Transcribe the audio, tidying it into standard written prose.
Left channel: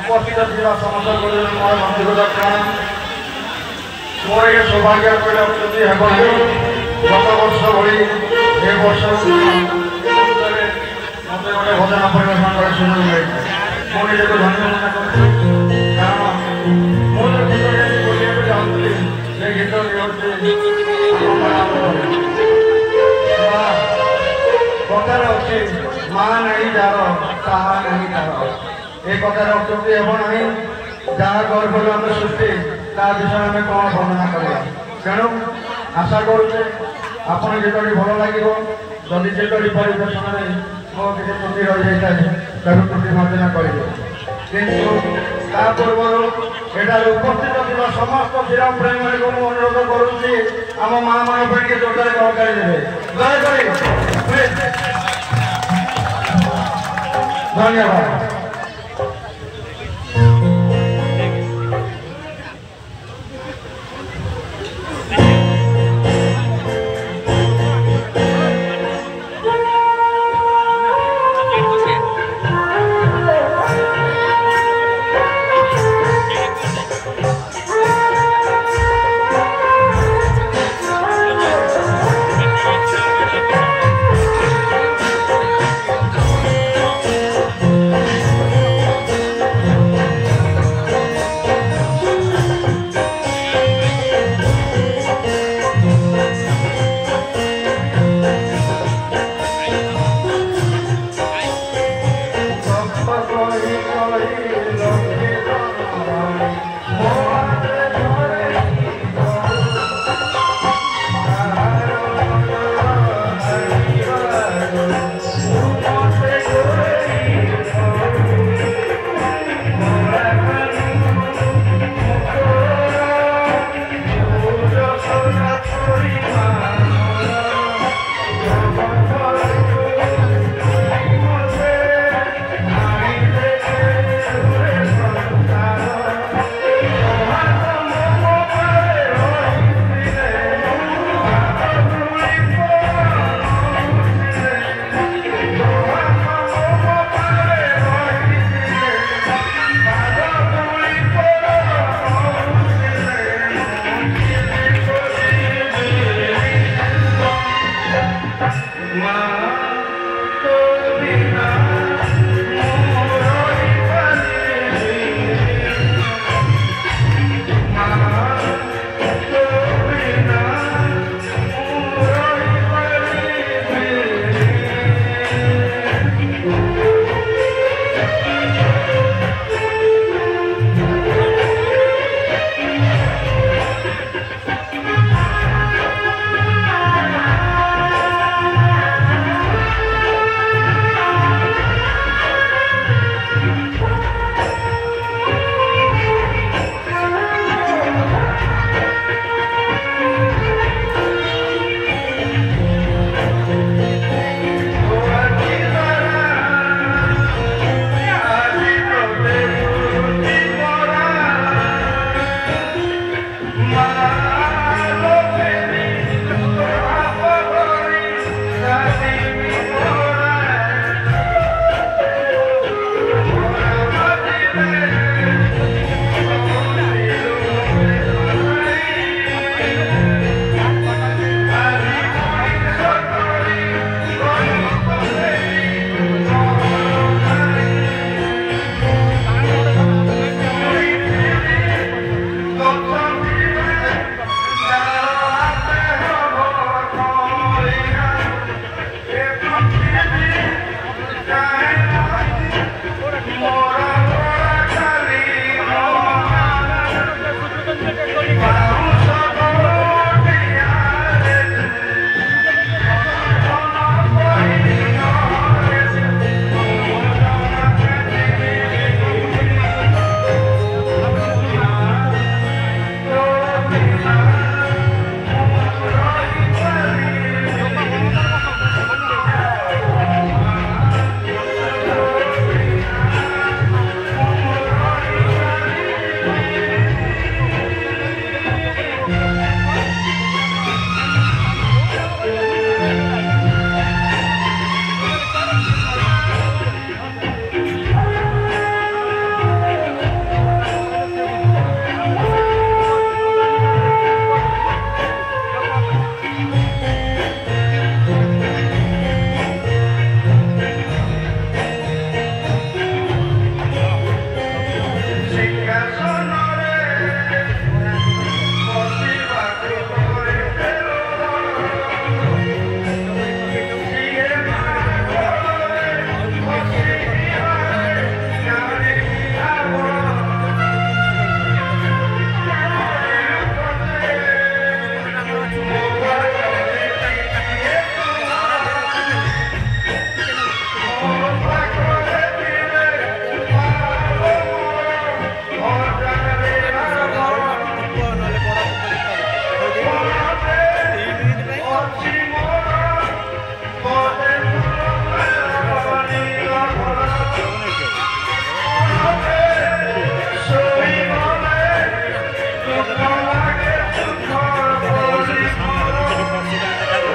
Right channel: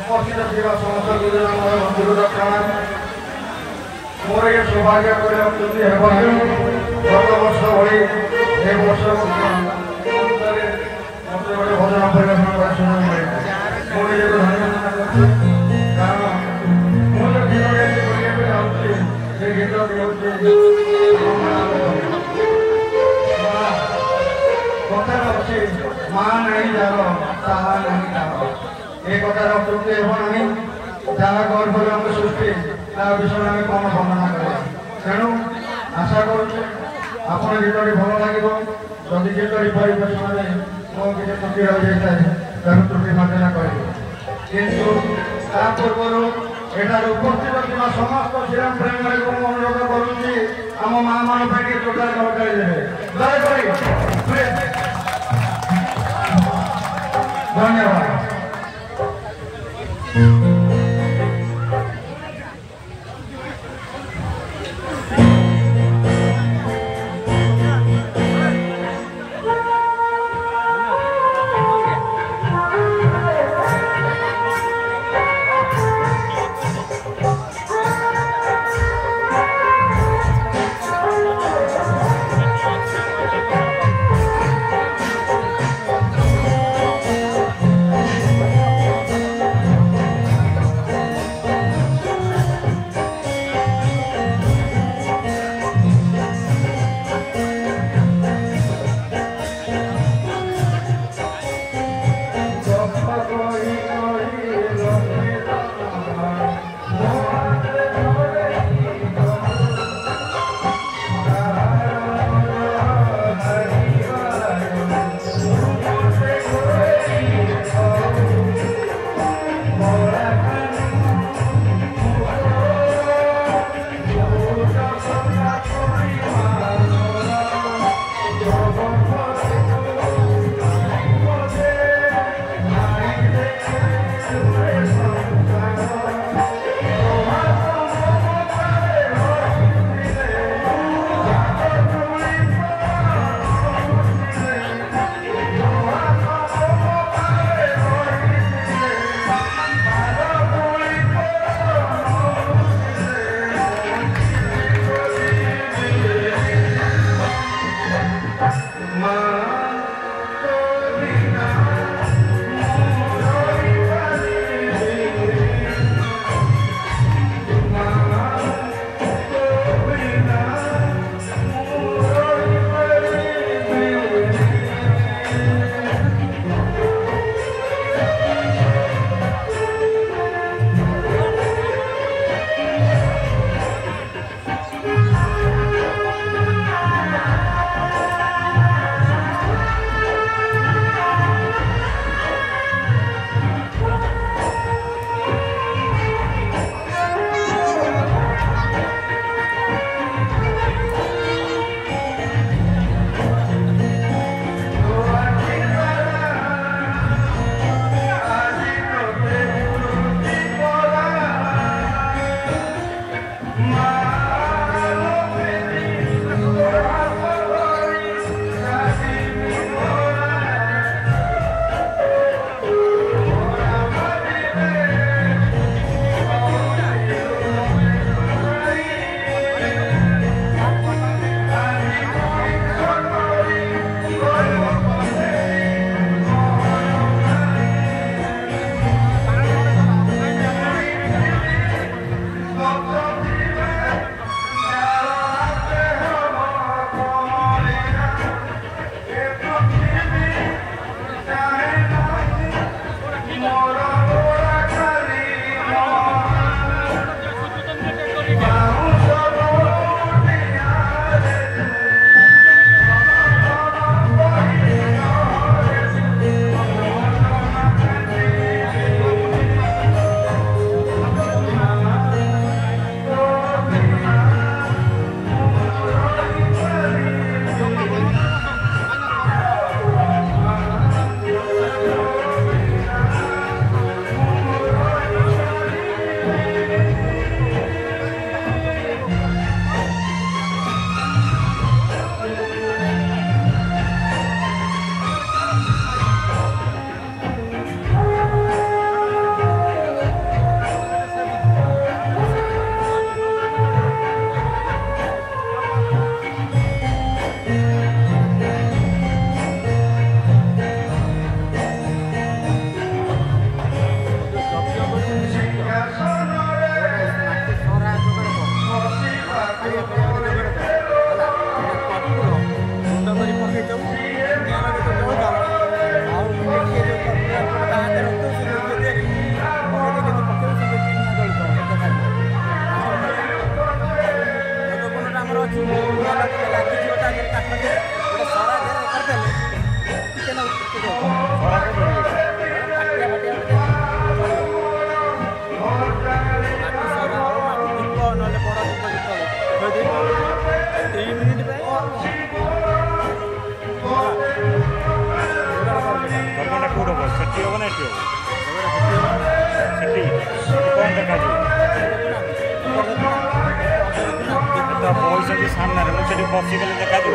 उपस्थित समस्त गुरुजन मोर ये सौभाग्य गत वर्ष भाई ए वर्ष भजन परिवेशन कर सुযোগ मुझे माँ नहीं जार ताहा नहीं तार एक जहाँ गर्भ सृष्टि ता विषय आम कौन वर्णना करवा तेणु आशा करुचे आपड़ जितनी भल लगे जदि जितनी परिवेशन में मो किसी त्रुटि रही जाए तेणु त्रुटि मार्जना करेंगे किंतु पूर्व यहाँ उपस्थित थी समस्त श्रीराम प्रेमी को अनुरोध करुच्ची आम माँ माँ पे जोटारे दरकार देवे धन्यवाद। ଏଠି ହେବ ନା ଏଠି ହେବ କ'ଣ ଦେଖାଯିବ ପଇସା ବି ସାମ୍ନାରେ ସେଠି ବସିଗଲେ ଦେଖାଯିବ